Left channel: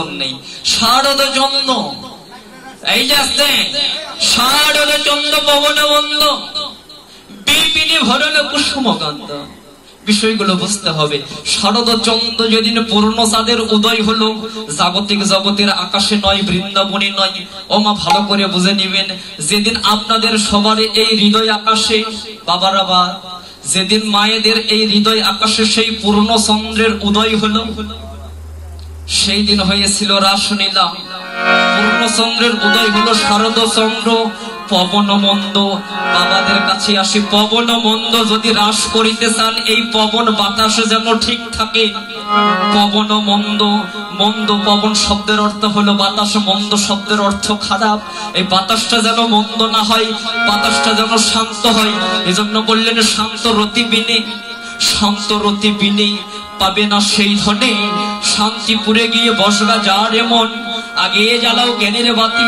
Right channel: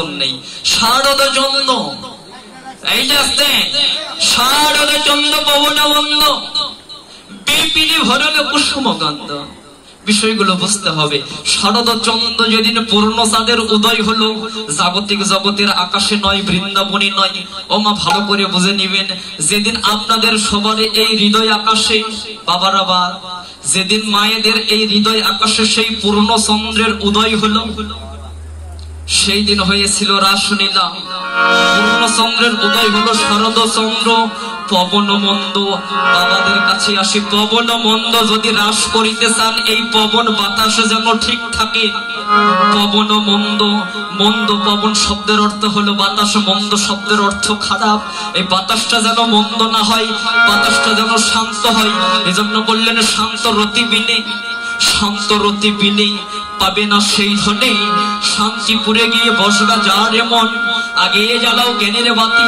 পরিবর্তন নেই। শারদ চন্দ্র, এই যে শারদ চন্দ্র পবন বন্ধ বিপিনি ভরল কুসুমকান্ত। বিষয়গুলো বুঝতে হবে। শারদ চন্দ্র যেদিন পূর্ণ চাঁদের উদয় হলো, জাগতিক জগতের আকাশে নয়, বৃন্দাবনে নয়। ও মা ভালো করে বুঝে নিবেন, যেদিন আপনাদের সবার এই হৃদয় আকাশে বাবারাবা, যেদিন মায়েদের এই হৃদয় আকাশে সেই পূর্ণ চন্দ্রের উদয় হলো, সেই দিন হয়েছিল রাসলীলা। পূর্ণ চন্দ্রের উদয় হলো শারদ চন্দ্র। পবন মন্দ, বাবাদের কাছে আসি, পবন মন্দ যদি হ্রাস করিতে চান, এই পবন বাতাস যেন ঠিক থাকে। পবন মন্দ, মন্দ পবন শব্দের অর্থ হলো বাতাস, মন্দ শব্দের অর্থ খারাপ। এই বাতাসটা যেন মন্দ না হয়, বাতাসটা যেন শান্ত হয়। এজন্য বললেন শান্ত রতি বিনে, শান্ত রতি বিনে পাবে না সেই ধনে। শান্তিপুরে গিয়ে বসরা যার এমন, আগে জ্বালাও জ্ঞানের বাতি,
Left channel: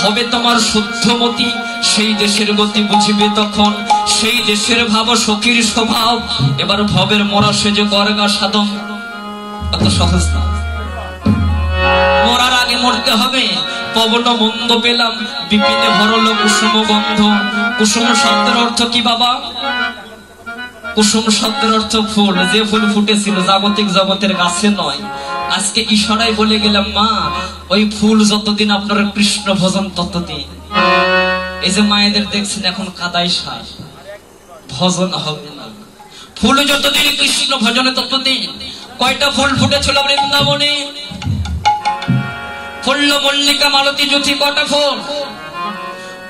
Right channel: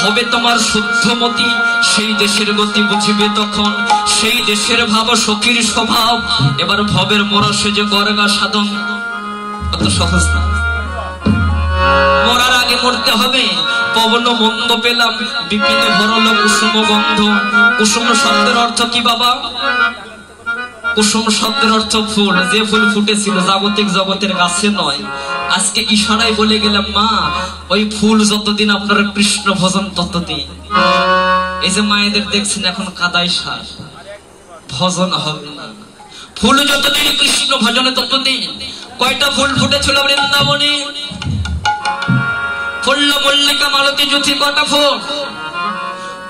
হবে তোমার শুদ্ধমতি। সেই দেশের গতি বুঝিবে তখন, সেই দেশের ভাব সখীর স্বভাব। এবার ভবের মরা সেজে গর্গা সাধন, অত সহজ না। মরার আগে মরতে হবে। পবন মন্দ পেলাম, বিপিনে ভরল কুসুম গন্ধ। কুসুম শব্দের অর্থ কি বাবা? কুসুম শব্দের অর্থ ফুল। যে ফুল ফুটেছিল জাগতিক জগতের গাছে নয়। আজকে ইশারায় বলে গেলাম মা, ওই ফুল যতদিন আপনার কৃষ্ণ ভজন ততদিন। এই যে মায়েদের দেখছেন এখন কাদাই সার, ভজন হবে না। ফুল যতদিন কৃষ্ণ ভজনে ততদিন। কয়টা ফুল ফুটেছিল বৃন্দাবনে? ফুল্ল মল্লিকা মালতী জুথি। কয়টা ফুল?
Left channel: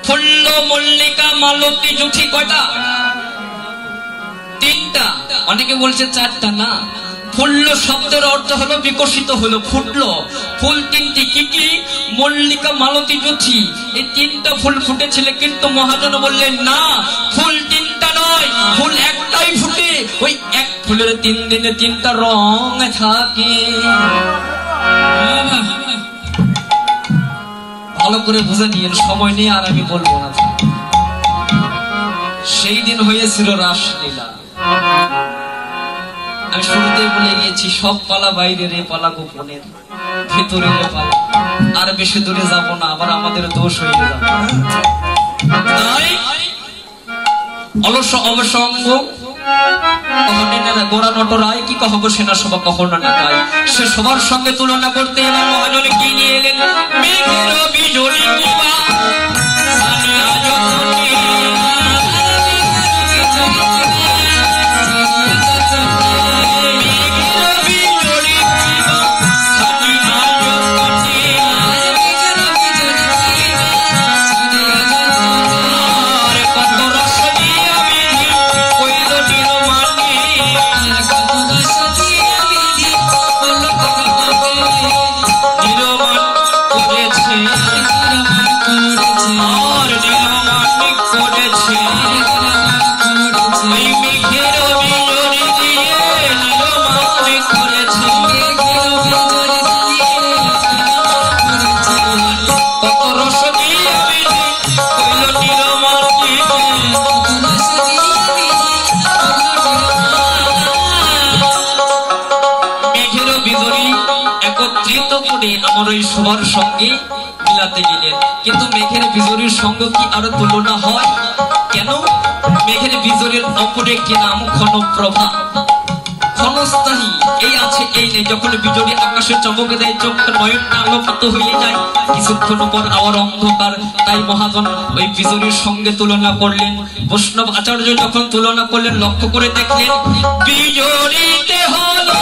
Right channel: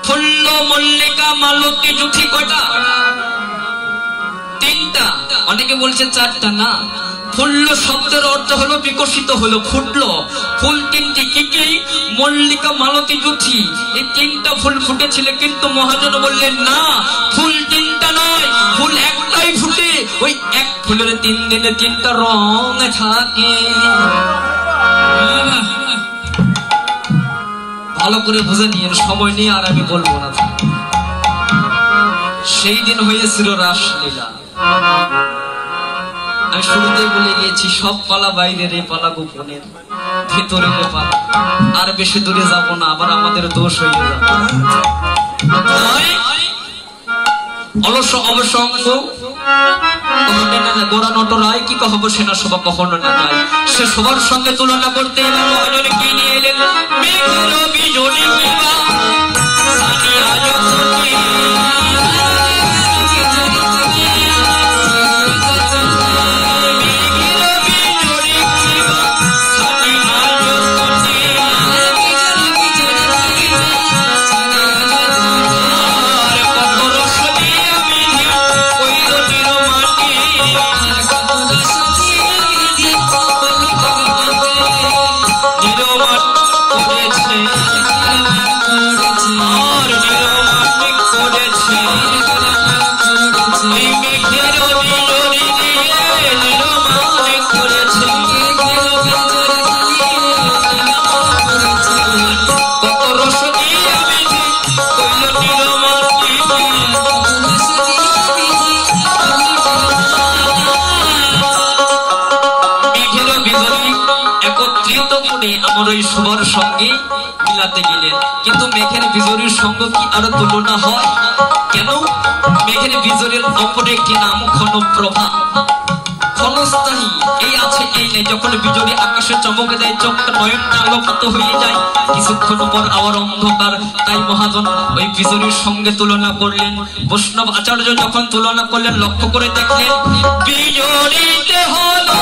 ফুল্ল মল্লিকা মালতী জুথি কয়টা? তিনটা। অনেকে বলছে চারটা, না। ফুল্ল শব্দের অর্থ হলো বিকশিত হলো, ফুটলো। ফুল তিনটি, কি কি? মল্লিকা মালতী জুথি। এই তিনটা ফুল ফুটেছিল, কিন্তু মহাজন বললেন না, ফুল তিনটা নয়, ফুল একটাই ফুটে। ওই এক ফুলের 3 দিনে 3টা রং থাকে। ভালো করে বুঝে নিন, সময় নিয়ে আর আমি বলবো না। সেই দিন হয়েছিল রাসলীলা। আমি শুরুতে বলে গিয়েছি, সব পালা বাইরের, এ পালা গোপনের, ভেতরে পালা। আর বেশি দূরে যাব না, আবার আমাদের দোষ হয়ে যাবে। অলস অবসঙ্গ গোড়া নটরায় কি কহব সেনা সভা কখনো না তাই। সে সবার সঙ্গে তুলনা করতে এবার মহাজনে কি নিয়ে এলেন? একত্রিত করে আমার ওই সবার সঙ্গে মিলাতে গেলেন। কিন্তু মেঘের বিজুরির সঙ্গে কি আরো তুলনা হয়? কেন? মেঘের বিজুরির অপর একটি নাম ক্ষণপ্রভা। ক্ষণস্থায়ী, এই আছে এই নেই। যখন বিজুরি আকাশে চমকে দেয়, চোখটা নয়নটা আলোকিত হয়ে যায়, কিছুক্ষণ পর আবার অন্ধকার। তাই মহাজন ওই বিজুরির সঙ্গে তুলনা করলেন। বৈষ্ণব আচার্য যখন তুলনা করলেন, লক্ষ্য করে দেখলেন বিজুরিতে হলো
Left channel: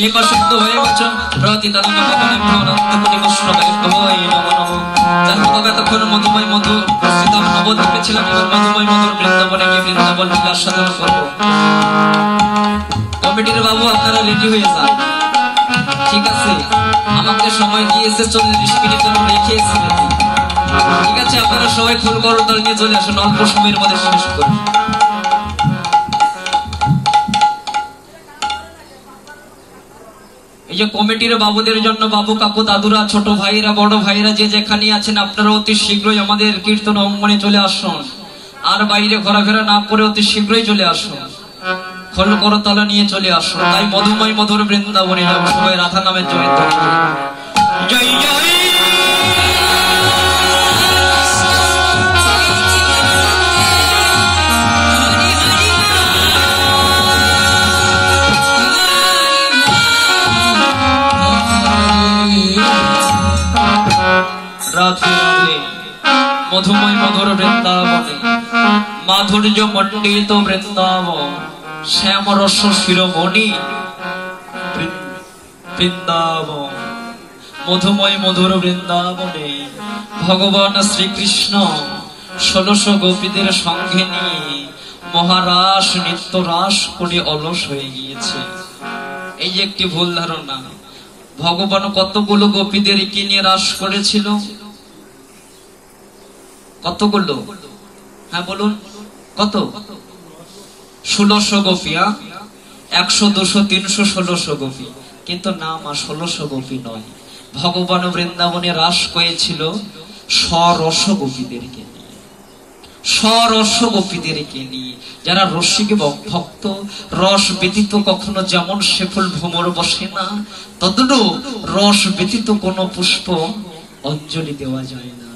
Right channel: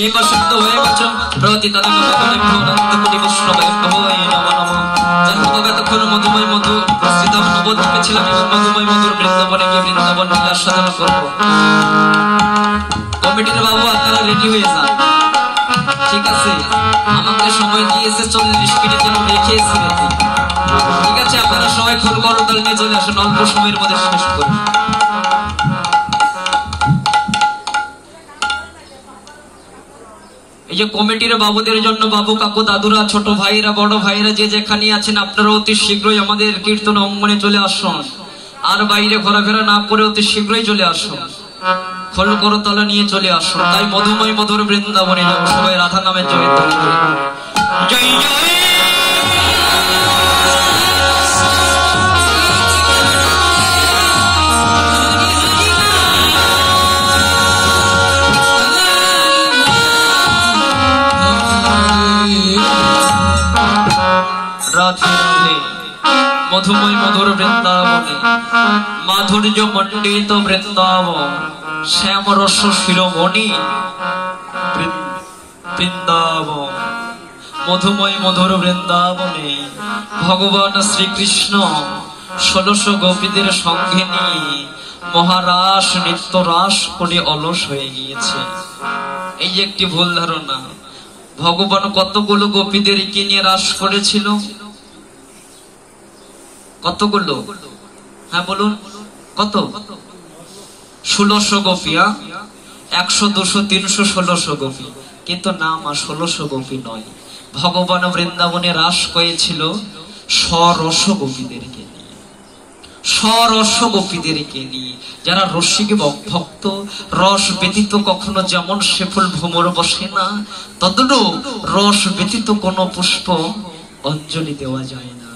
নিবাসিত হয়ে গেছ প্রতিদান এতক্ষণ মধুময় মধু শ্রীধাম নবদ্বীপে ছিলাম এবং মধুময় মধুর বৃন্দাবনে গিয়ে বৃন্দাবন লীলা সাধন করবো। কমিটির বাবু আপনারা রেডি হয়ে যান, ঠিক আছে? আমাকে সময় দিয়েছে 40 মিনিট রেখেছি, ঠিক আছে? আপনারা সবাই ফুল করদল নিয়ে চলে আসুন, অল্প সময়ের মধ্যে শেষ করুন। এই যে কমিটির বাবুদের জন্য বাবু কাকু দাদুরা ছোট ভাইরা বড় ভাইরা যে যেখানে আছেন আপনারা অতি শীঘ্রই আমাদের কীর্তন অঙ্গনে চলে আসুন, আর বাইরে ঘোরাফেরা না করে অতি শীঘ্রই চলে আসুন, খোল করতলা নিয়ে চলে আসুন। তাই মধুময় মধুর বৃন্দাবনে যাবো, সবাই রাধা নামের জয় জয় জয়। রাধে রাধে। মধুময় মধুর বৃন্দাবনে মাধুর্য মণ্ডিত বৃন্দাবন শ্যাম রস শিরোমণি বৃন্দাবন। মধুময় মধুর বৃন্দাবনে ভগবান শ্রীকৃষ্ণ 1600 গোপীদের সঙ্গে নিয়ে মহারাস নিত্য রাস করে অলস হয়ে গিয়েছে। এই যে একটি ভুল ধারণা, ভগবান কতগুলো গোপীদেরকে নিয়ে রাস করেছিল? কতগুলো? হ্যাঁ বলুন, কত? 1600 গোপী। 100, 200, 300, 1600 গোপী। কিন্তু না মা, 1600 গোপী নয়। ভগবান বৃন্দাবনে রাস করেছিল সরস গোপীদেরকে নিয়ে, সরস গোপীদেরকে নিয়ে, যারা রসিক ভক্ত। রস ব্যতীত কখনো যেমন সে ফুল ভ্রমর বসে না, তদ্রূপ রস ব্যতীত কোন পুষ্প অঞ্জলি দেওয়া যায় না।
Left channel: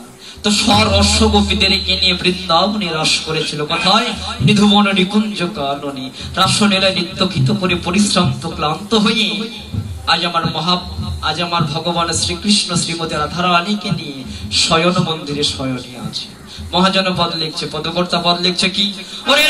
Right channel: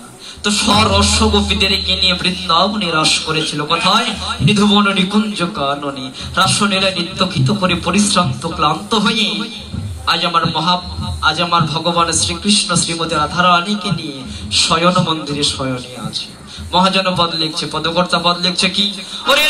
তো সরস গোপীদেরকে নিয়ে বৃন্দাবনে রাস করেছিল। কোথায়? নিধুবন নিকুঞ্জ কাননে রাসলীলায় নিত্যকিত করে পরিশ্রান্ত ক্লান্ত হয়ে আজ আমার ভগবান শ্রীকৃষ্ণ শ্রীমতী রাধারানীকে নিয়ে শয়ন মন্দিরে শয়নে আছে। মহাজন পদ লিখছে, পদকর্তা পদ লিখছে কি? ওরে